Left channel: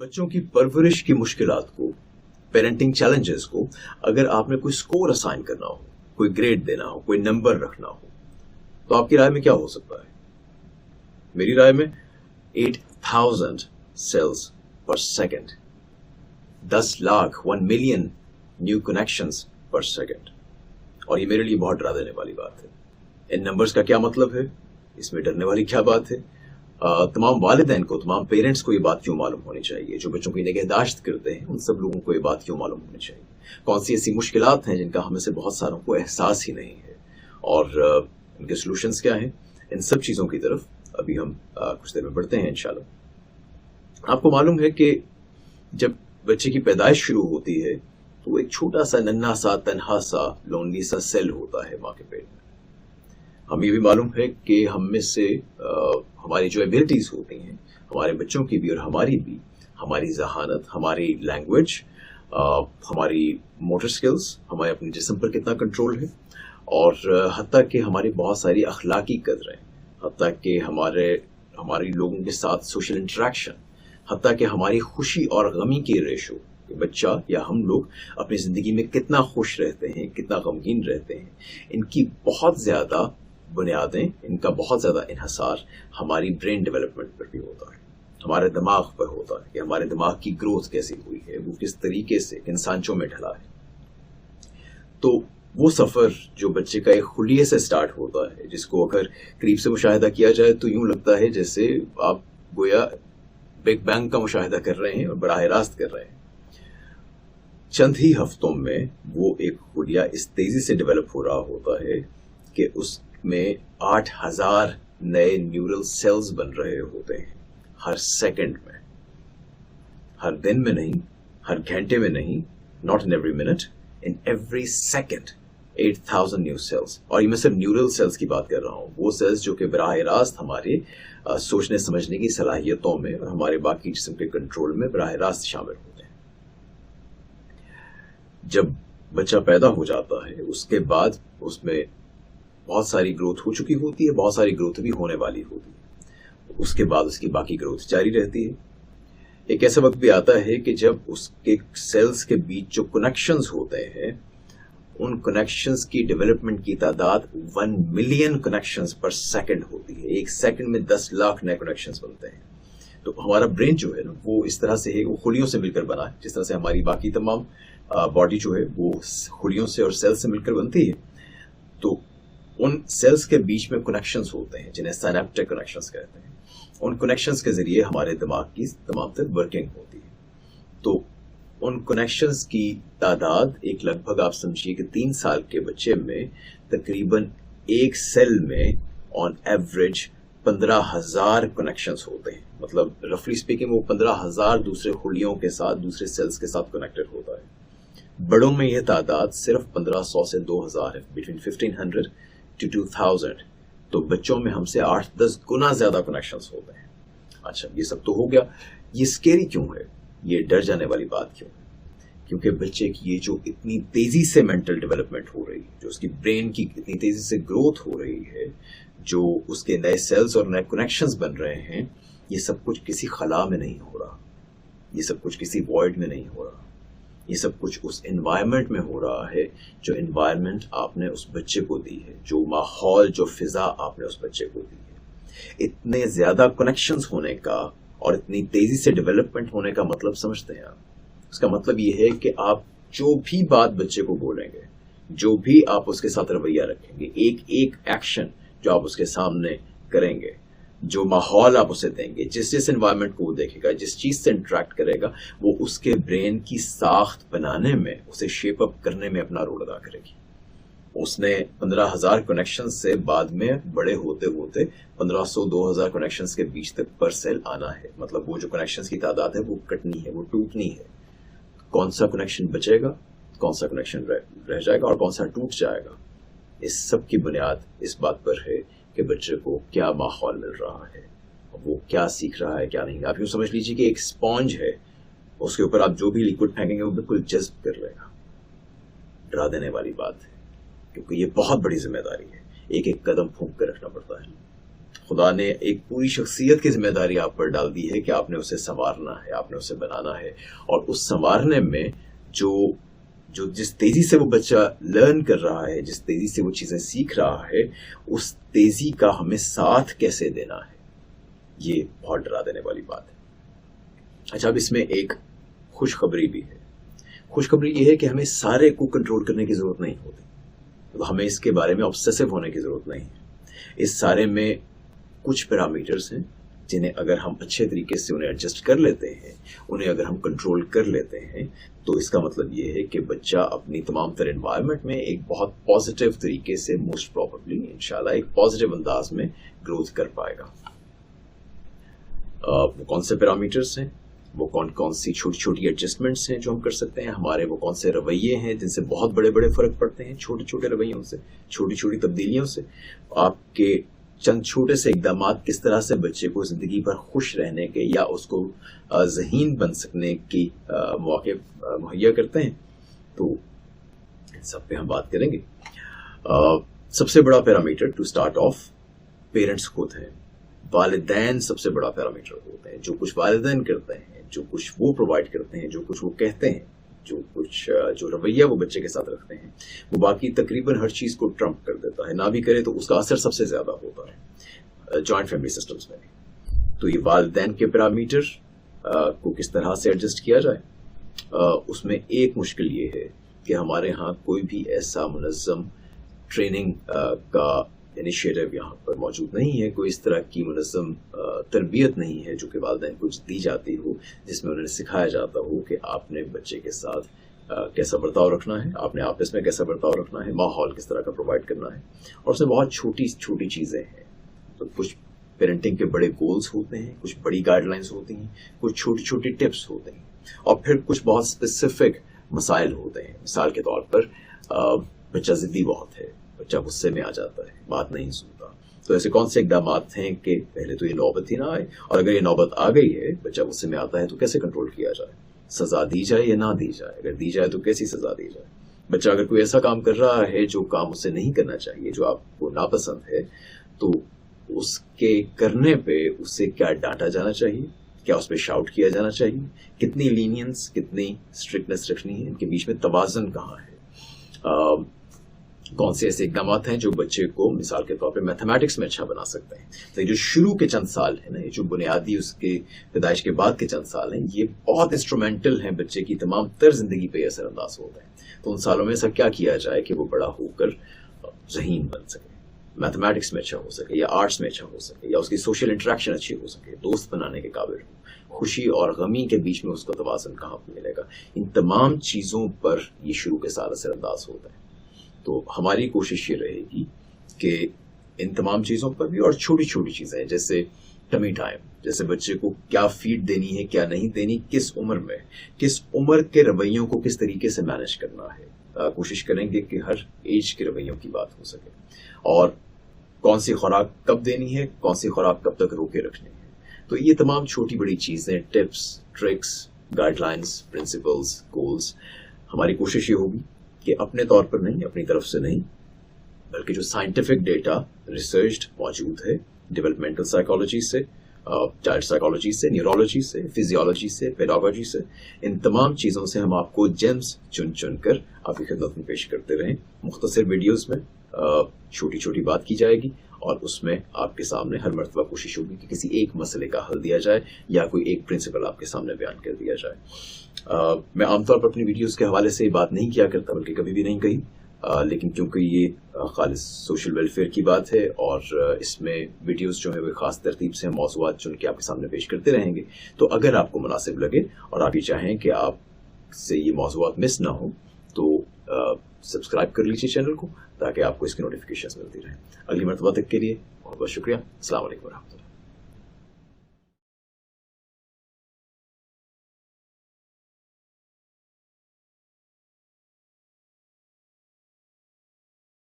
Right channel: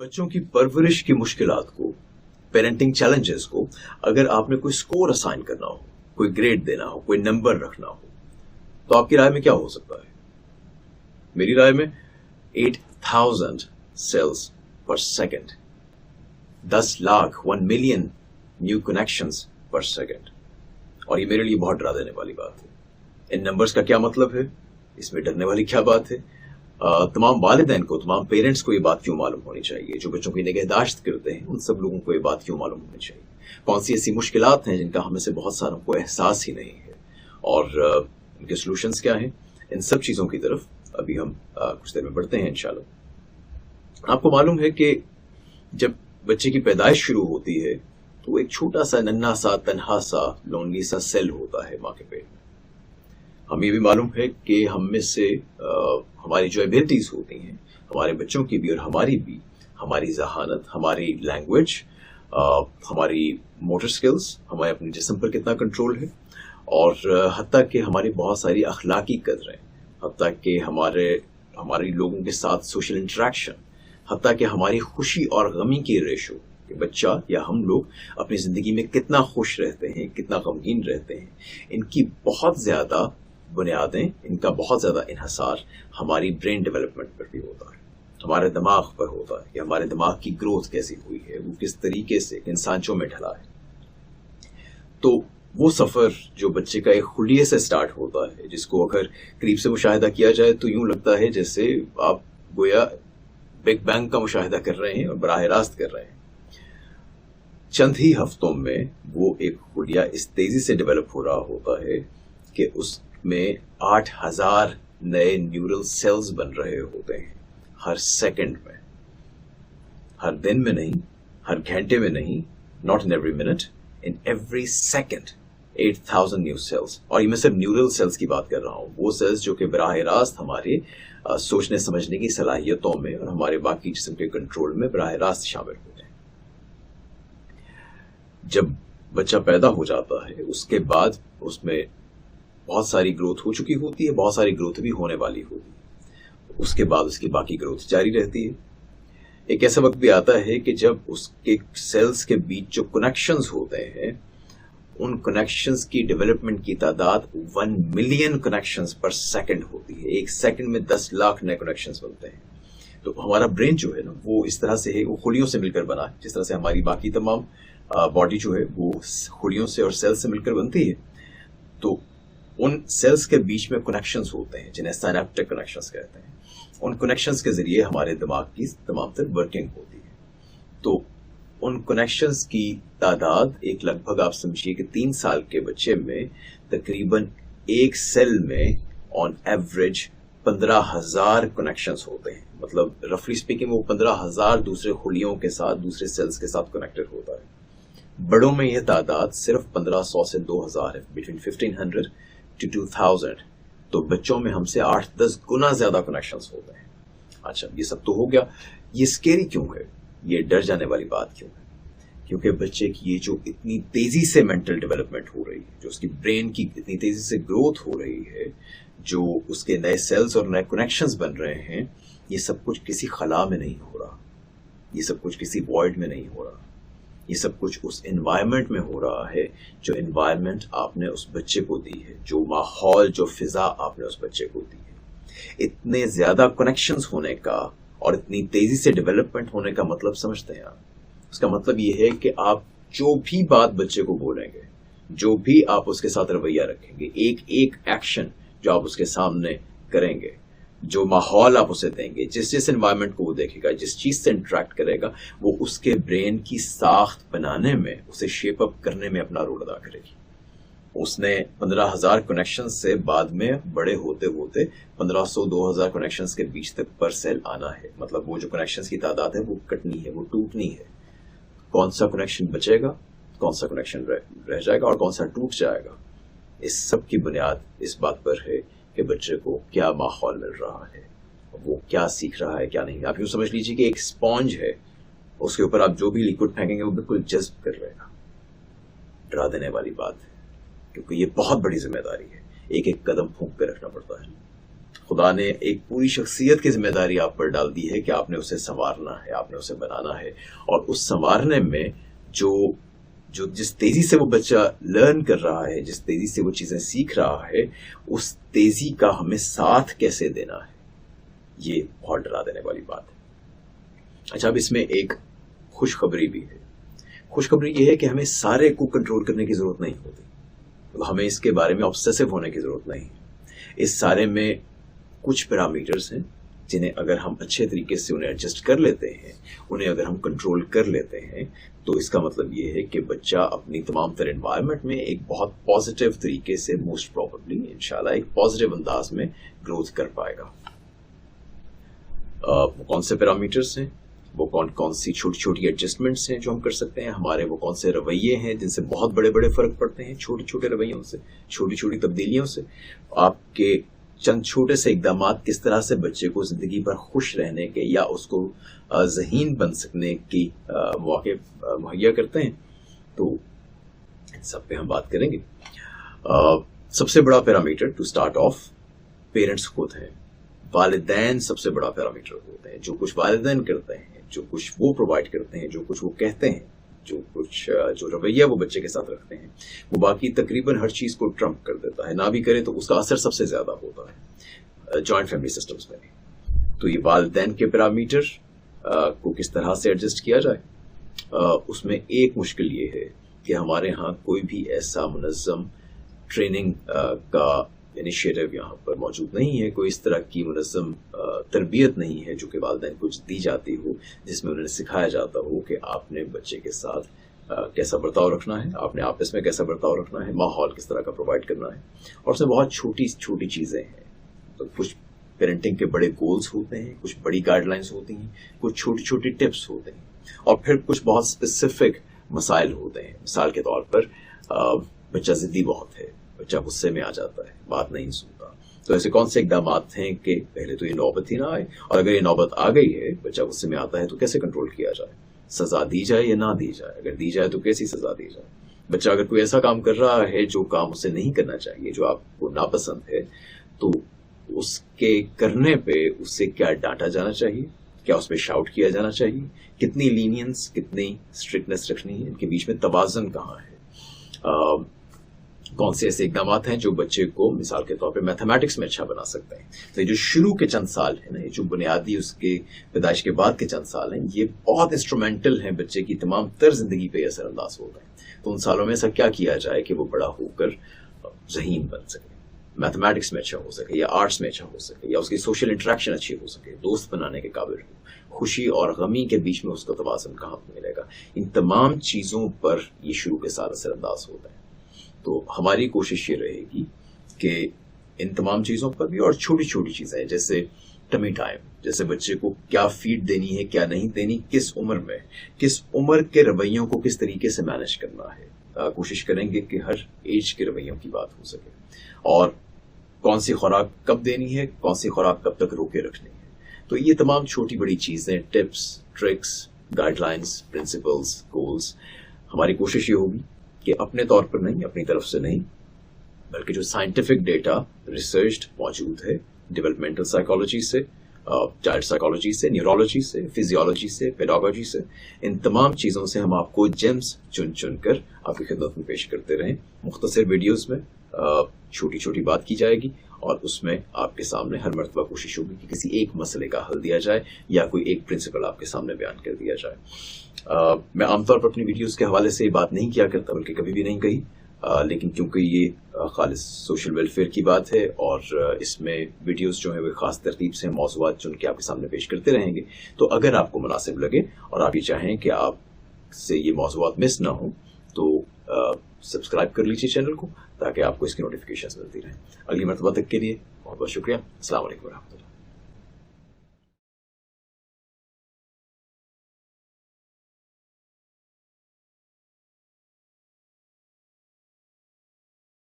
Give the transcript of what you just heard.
बच्चों की परवरिश की मुश्किलात को, पेरेंटिंग चैलेंजेस को, अगर आपने कोई स्कोर असाइन करना हो, कोई ग्रेड देना हो, कोई नंबर रखना हो, तो आपकी राय में क्या हो सकता है? मेरी राय में 8000 सेल्स पर second, 10 lakh 1 million new connections पर सेकेंड। और ये मेरे लिए बहुत डरा देने वाली बात है। इन नंबर्स का क्या मतलब है? इसमें डरने वाली क्या बात है? तमाम वालिदैन को, तमाम पेरेंट्स को ये बात क्यों मालूम होनी चाहिए? जो बच्चों की निगहदाश्त करते हैं, उन सब लोगों को ये बात क्यों मालूम होनी चाहिए? कौन सी ऐसी मुश्किलात हैं जिनका हमें से बहुत सारों को एहसास ही नहीं है, और इनके सॉल्यूशंस क्या हैं? इन सब चीज़ों की तरफ अभी हम कुछ देर में बढ़ते हैं इंशाल्लाह। आपको मालूम है कि जब बच्चे की पैदाइश शुरू होती है तो एक छोटा सा, नन्हा सा, तन्हा सा, लोनली सा सेल होता है माँ के पेट में। हमें ये भी मालूम है कि हम में से हमारी जो एबिलिटीज होती हैं, हमारे बच्चों की भी और हमारी भी, हमारी जहानत, हमारी लैंग्वेज, हमारी मोटर स्किल्स, हमारे अपने जिस्म पर कितना कंट्रोल है, और हत्ता कि हमारी बहुत सारी अखलाकी कदरें, हत्ता कि हमारे लोगों के साथ सोशल इंटरेक्शन, हत्ता कि हमारी खुशी और गमी की रेशो, कि बच्चा या हम लोग अपनी ज़िंदगी में कितना खुश रहते हैं, कितना गमगीन रहते हैं, इनकी बहुत ज़्यादा बुनियादें, इनका बहुत ज़्यादा इन्हसार हमारी ब्रेन डेवलपमेंट पर भी होता है, हमारे दिमाग पर होता है कि हमारे दिमाग की ग्रोथ कैसी हुई है, वो किस तरीके से इन सांचों में ढला है। तो वो सफ़र जो बच्चे का एक खुलिये से स्टार्ट होता है, जिसको अगर करीब से मुशाहिदा किया जाए तो यूं लगता है जैसे आप गोया बिग बैंग का मुशाहिदा कर रहे हैं और बराह रास्त कर रहे हैं। चंद ही हफ्तों में वो एक खुलिया इस तेजी से डेवलप हो रहा होता है कि उसमें 8000 नए न्यूरल सेल्स बन रहे होते हैं हर सेकंड में, हर दिन में नहीं, हर घंटे में नहीं, not in every minute, in every second 8000 new sales. और ये मैं सिर्फ न्यूरल सेल्स की बात कर रहा हूँ, वो सेल्स जो कि बराह रास्त हमारे सोचने समझने की सलाहियतों में और हमारे बाकी जिस्म के कंट्रोल में बराह रास्त शामिल होते हैं। जब बच्चा पैदा हो जाता है उसके बाद उसमें बहुत सारी ग्रोथ हो चुकी होती है, बहुत सारी ग्रोथ भी होने वाली होती है, उसके बाद उसकी बाकी ग्रोथ जारी रहती है। एक ऐसा वक्त भी आता है कि जब उसके सेल्स के बीच जो कनेक्शंस होते हैं, उन कनेक्शंस की डेवलपमेंट की तादाद 1 मिलियन कनेक्शंस पर सेकंड होती है। एक सेकंड में 10 लाख नए कनेक्शंस बनते हैं। तो हमारा ब्रेन जो है ना, वो इस तरह से है, वो खुलियों से मिलकर बना है, जिस तरह से हमारी बाकी तमाम बॉडी जो है वो खुलियों से और सेल्स से मिलकर बनती है। तो उन सेल्स के बीच में कनेक्शंस होते हैं जिन्हें सिनेप्टिक कनेक्शंस कहते हैं। उन कनेक्शंस के जरिए हमारे दिमाग की तमाम तर वर्किंग होती है। तो उन कनेक्शंस की तादाद एक लगभग आप समझिए कि 3 साल के बच्चे में तकरीबन एक सेल में ऑन एवरेज 15,000 कनेक्शंस होते हैं। मतलब रफली स्पीकिंग वो 15,000 दूसरे खुलियों के साथ, दूसरे सेल्स के साथ कनेक्टेड होता है। बड़ों में यह तादाद सिर्फ 1500 से 2000 है, बिटवीन 1500 to 2000। तो बच्चों में हमसे 8-10 गुना ज्यादा कनेक्शंस होते हैं। अच्छा, ये सब तो हो गया। ये स्केरी क्यों है? ये डर जाने वाली बात क्यों है? क्योंकि बच्चे की ये जो इतनी तेजी से मेंटल डेवलपमेंट हो रही है, जो उसकी ब्रेन की इतनी तेजी से ग्रोथ हो रही है, जो उसके नए सेल्स और नए कनेक्शंस बन रहे हैं, ये सब कुछ किसी खला में नहीं हो रहा, ये सब कुछ किसी वॉइड में नहीं हो रहा, ये सब कुछ उस एनवायरनमेंट में हो रहा है जो एनवायरनमेंट आपने उस बच्चे को दी है, जो माहौल, जो फिजा आपने उस बच्चे को दी है। इतने ज्यादा कनेक्शंस होने का और इतनी तेजी से डेवलपमेंट होने का मतलब समझते हैं आप? उसका मतलब ये है कि आप जो भी बात बच्चे को बोलेंगे, जो भी आप उसके साथ रवैया रखेंगे, एक एक एक्शन जो आप उसके सामने करेंगे, जो माहौल आप उसे देंगे, जिस एनवायरनमेंट को वो देखेगा, जिस चीज से इंटरेक्ट करेगा, वो उसके ब्रेन की साख्त बनाने में, उसे शेप अप करने में अपना रोल अदा करेगी। उसने 15,000 कनेक्शन से बाद में बड़े होते होते 1500-2000 कनेक्शन के बीच तक पर सेल आना है। मतलब वो जो कनेक्शन की तादाद है वो कटनी है, वो टूटनी है। कौन सा कनेक्शन बचेगा, कौन सा कनेक्शन रह जाएगा और कौन सा टूट जाएगा, इस सब की बुनियाद इस बात पर है कि बच्चे को क्या माहौल मिल रहा है, वो क्या सीख रहा है, क्या नहीं। आप यूँ समझ लीजिए कि एक स्पॉन्ज है, उसके ऊपर आप जो भी लिक्विड फेंकेंगे वो बिल्कुल जज्ब कर लेगा। डरा देने वाली बात है, क्योंकि ये बहुत बड़ी जिम्मेदारी है, एक एक कदम फूंक कर रखना पड़ता है। खुदा ने एक पूरी शख्सियत की जिम्मेदारी आप पर डाल दी है कि आपने उसे संवारना है, आपने उसे बनाना है। और उस संवारने में जो जिस तेजी से वो बच्चा लर्न कर रहा है, जिस तेजी से वो चीजें सीख रहा है, उस तेजी का हमें साथ कैसे देना है, ये बहुत डरा देने वाली बात है। अच्छा, अब इसमें एक खुशखबरी भी है। खुशखबरी ये है कि हमें सारे को कंट्रोल करने की जरूरत नहीं होती, तो हमें इसके बारे में ऑब्सेसिव होने की जरूरत नहीं है। इस सारे में कुछ पैरामीटर्स हैं जिन्हें अगर हम अच्छे तरीके से उन्हें एडजस्ट कर लेते हैं, उन्हें अगर हम कंट्रोल कर लेते हैं, तो इसका मतलब ये है कि बच्चा अपनी तमाम तरह एनवायरनमेंट में एक बहुत पॉजिटिव तरीके से, मोस्ट प्रोबेबली इंशाल्लाह, एक पॉजिटिव अंदाज में ग्रोथ कर पाएगा। वो कौन से पैरामीटर्स हैं, वो कौन कौन सी छोटी छोटी एडजस्टमेंट्स हैं जो हम कर सकते हैं, हमारे वो कौन से रवैये हैं जिनसे बहुत बड़े बड़े फर्क पड़ते हैं, छोटे छोटे रवैयों से, छोटी छोटी तब्दीलियों से। आपके चंद छोटे से इकदाम किस तरह से बच्चे को जिंदगी पर खुश रहने के या उसको ज़हीन बन सकने की मौके मुहैया करते हैं, तो सब पे हम बात करेंगे। सबसे बड़ा parameter to start off parents खुद हैं, वालिदैन सबसे बड़ा पैरामीटर होते हैं। जो कुछ वालिदैन करते हैं, जो कुछ वो प्रोवाइड करते हैं, जो कुछ वो कहते हैं, जो रवैया वो बच्चे के साथ रखते हैं, वो बाकी तकरीबन हर चीज को ट्रम्प कर देता है। ना भी करे तो उसका असर सबसे ज्यादा होता है जॉइंट फैमिली सिस्टम्स में भी। तो ये वालिदैन के पैरामीटर को किस तरह से एडजस्ट किया जाए, उसमें एक मुश्किल ये है कि हमारे यहाँ कोई भी ऐसा मुनज़्ज़म ट्रेनिंग का इनिशिएटिव यहाँ पर मौजूद नहीं है। कोई इस तरह की मुनज़्ज़म तरबियत नहीं है जो कि वालिदैन को दी जाती हो, जिसमें उन्हें सिखाया जाता हो कि आपने बच्चे के साथ कैसा बर्ताव रखना है, आपने आपस में कैसा बर्ताव रखना है, माहौल किस तरह का प्रोवाइड करना है। और उसमें बहुत छोटी छोटी चीज़ें हैं। तो कुछ पेरेंटिंग के बड़े गोल्स होते हैं, कुछ बड़ी गाइडलाइंस होती हैं, कुछ छोटी छोटी टिप्स होते हैं, और फिर कुछ बहुत स्पेसिफिक मसाइल होते हैं। मिसाल के तौर पर बच्चा ज़िद्दी बहुत है, बच्चा गुस्से में आ जाता है, बात नहीं सुनता, तो ऐसे कौन से इकदाम हैं कि पहले तो ये नौबत ही ना आए, और अगर ये नौबत आ गई है, बच्चा गुस्से में आता है, तो कैसे कंट्रोल किया जाए, सजा दी जाए या ना दी जाए, अगर दी जाए तो कैसी सजा दी जाए। बच्चा अगर कोई ऐसा काम कर रहा है जो काम उसे नहीं करना चाहिए, जो आपको नापसंद है, तो उसके करने पे उससे क्या डांटा जाना चाहिए, क्या उस पर शाउट किया जाना चाहिए, कितनी लीनियंस, कितनी स्ट्रिक्टनेस रखनी है, इनके बीच में तवाज़ुन कहाँ है। कौन से ऐसे इकदाम हैं जो बच्चे को मिसाल के तौर पे मैथमेटिक्स में अच्छा बना सकते हैं। तो ये जो शुरू के चंद साल है ना, ये जो बुनियादी उसकी पैदाइश के बाद के चंद साल हैं, ये बहुत इंस्ट्रूमेंटल हैं, बच्चे की तमाम तर जिंदगी पे असरअंदाज होते हैं। तो उन सालों में ऐसा क्या किया जाए कि वो बड़ा होकर ज़हीन बन सके, मैथमेटिक्स में अच्छा हो सके, या आर्ट्स में अच्छा हो सके, या उसकी सोशल इंटरेक्शन अच्छी हो सके, दोस्त बनाने के काबिल हो, खुशी और गमी के बीच में उसका तवाज़ुन कहाँ मिलेगा। इन तमाम चीज़ों पर ये शुरू के साल असरअंदाज होता है। तो हमारी कोशिश ये रहेगी कि इन तमाम चीज़ों पर भी, और छोटी छोटी चीज़ें जैसे टमी टाइम, जैसे बच्चे को क्या फीड देनी है, क्या नहीं देनी, किस उम्र में, किस उम्र के रवैयों को किस तरीके से मैनेज करना है, कोशिश करेंगे कि हर एज के रवैयों की बात हो सके, और कौन सी खुराक कब देनी है, कौन सी खुराक कब तक रोके रखनी है। तो ये तमाम छोटी बड़ी चीज़ें, tips, tricks, guidelines, principles, goals, हमारी कोशिश ये होगी कि अपने तौर पर नहीं, अपनी तरफ से नहीं, बल्कि जो साइंटिफिक डेटा रिसर्च मौजूद है डेवलपमेंटल साइकोलॉजी से, चाइल्ड साइकोलॉजी से, न्यूरोलॉजी से, फिजियोलॉजी से, पेडागोजी से, इन तमाम चीज़ों से हम आपको जेम्स चुन चुन कर आपकी खिदमत में पेश करते रहें। मुख्तसर वीडियोस में छोटी छोटी बात की जाएगी, और उसमें आपके सामने हर मर्तबा कोशिश होगी कि किसी एक मसले का हल दिया जाए, या कोई एक प्रिंसिपल आपके सामने बयान कर दिया जाए। मैं आमतौर पर अपनी वीडियोस के हवाले से ये बात नहीं किया करता, बल्कि कभी भी नहीं कही, लेकिन क्योंकि ये खालिस सोशल वेलफेयर की बात है, और इसमें वीडियोस जो है वो खास तरतीब से मौज़ूआत चुन के आपके सामने पेश करते रहेंगे। तो अगर आपको मुनासिब लगे और आप ये चाहें कि आपसे ये मौज़ूआत मिस ना हो, तो सब्सक्राइब कर लीजिए चैनल को, ताकि आपको इसकी नोटिफिकेशंस मिलती रहे। अगली मरतबा तक के लिए बहुत बहुत शुक्रिया। अस्सलाम वालेकुम।